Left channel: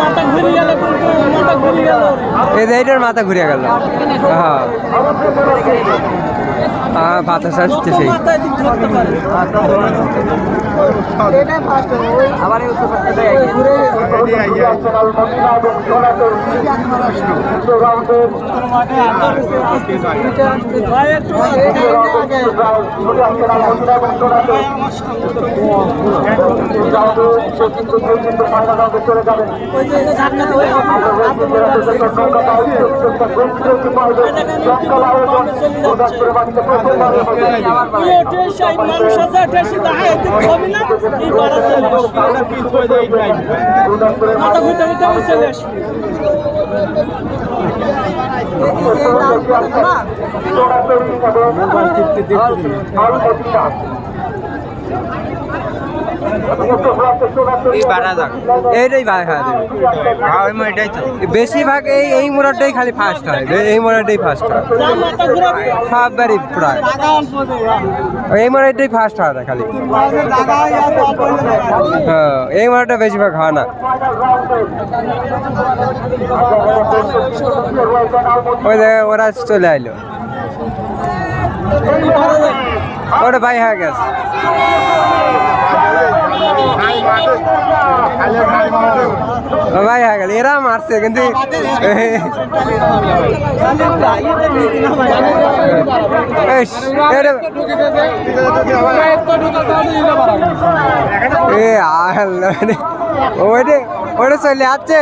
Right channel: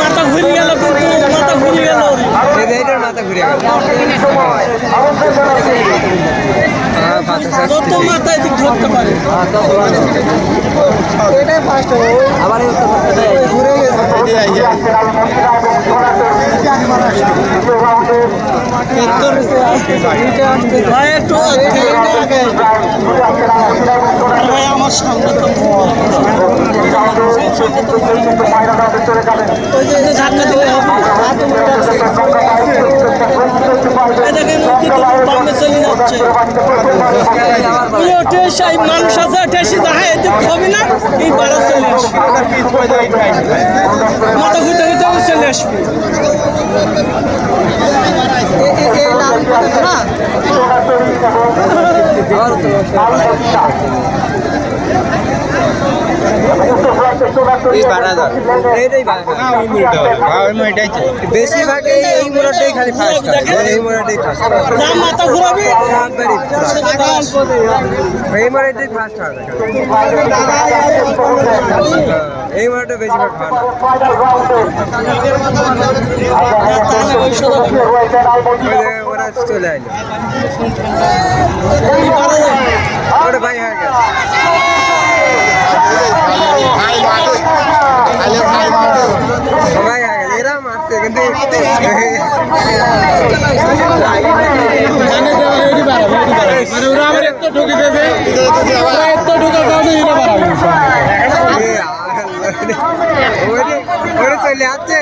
মাথা ঘুরে গেল, মাথা ঘুরে গেল, এটার মাথা ঘুরে গেল। মাথায় দিক ধরতে পারে। এটাই ফার্স্ট আবার ঘুরে আমার সামনে মানুষ আছে ঠেসি যাহাই এদিক হবে না, এই বাড়া চলে আসবে, মাথা ঘুরতে ঘুরতে চলে আসবে। বেশিরভাগ এই মোড়াটাই খালি ফার্স্ট হয়, এই মোড়াটাই ফার্স্ট হয়, মাথা ঘুরাবে সববারই এই মোড়াটাই ফার্স্ট হয় না খালি। এই মোড়াটা বেশিরভাগ হয় না। ওরা চলে আইলো, ওটা ভাই হয়ে গেছে। সবাই হয়ে গেল, এরা মারছে কিন্তু ওরা চলে আসছে,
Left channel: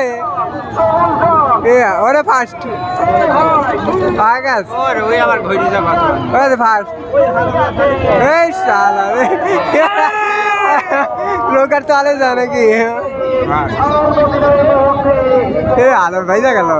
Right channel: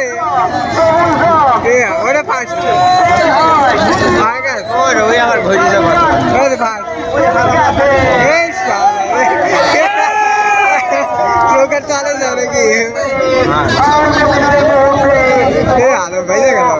ওরা ফার্স্ট ওই আবার ঘড়ি যাবো ফার্স্ট। লোকার চালে যা নাকি আলোর ভাই যা গেল।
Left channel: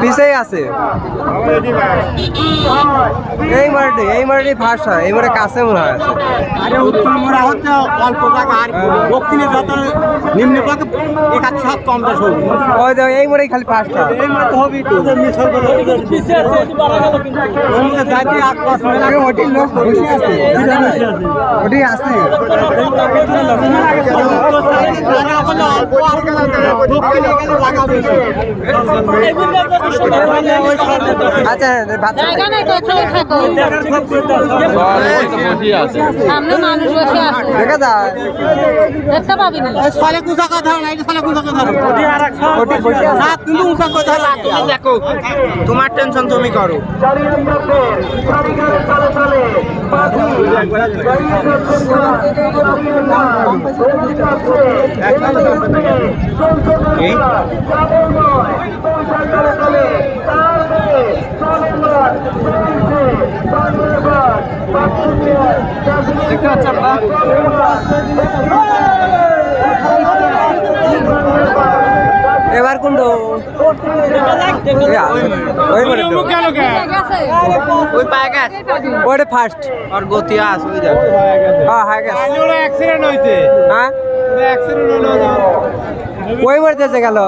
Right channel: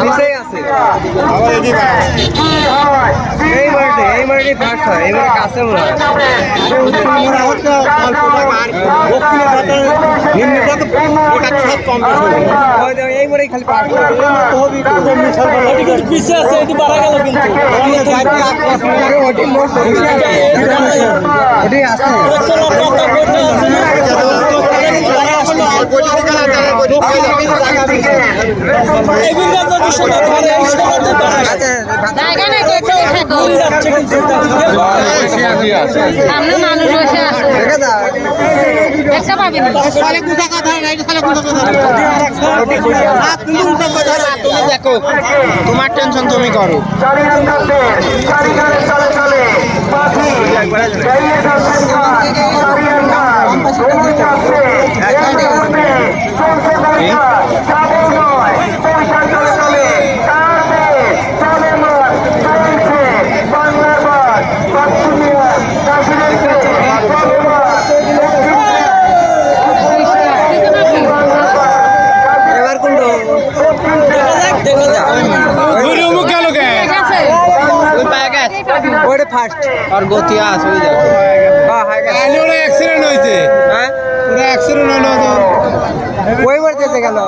পিছেই আছে এই মাঠে ফার্স্ট হয়, এবারে কাছে মনে হয় এই মোড়েই খালি ফার্স্ট হয়। পিছিয়ে আছে, এটি বাড়া গেল কিন্তু ওটি আছে সামনে মানুষ বসে আছে, দেখতে পাবি না। দেখো তোমার টেনশন তুমি করো। এবার কোনটা ওই পায় গেছে, ওটা ফার্স্ট আর গতি আছে ওই দেখো। হ্যাঁ অ্যাক্সিডেন্ট হয়েছে, হ্যাঁ অ্যাক্সিডেন্ট হলো, ওই মারতেছে গেল।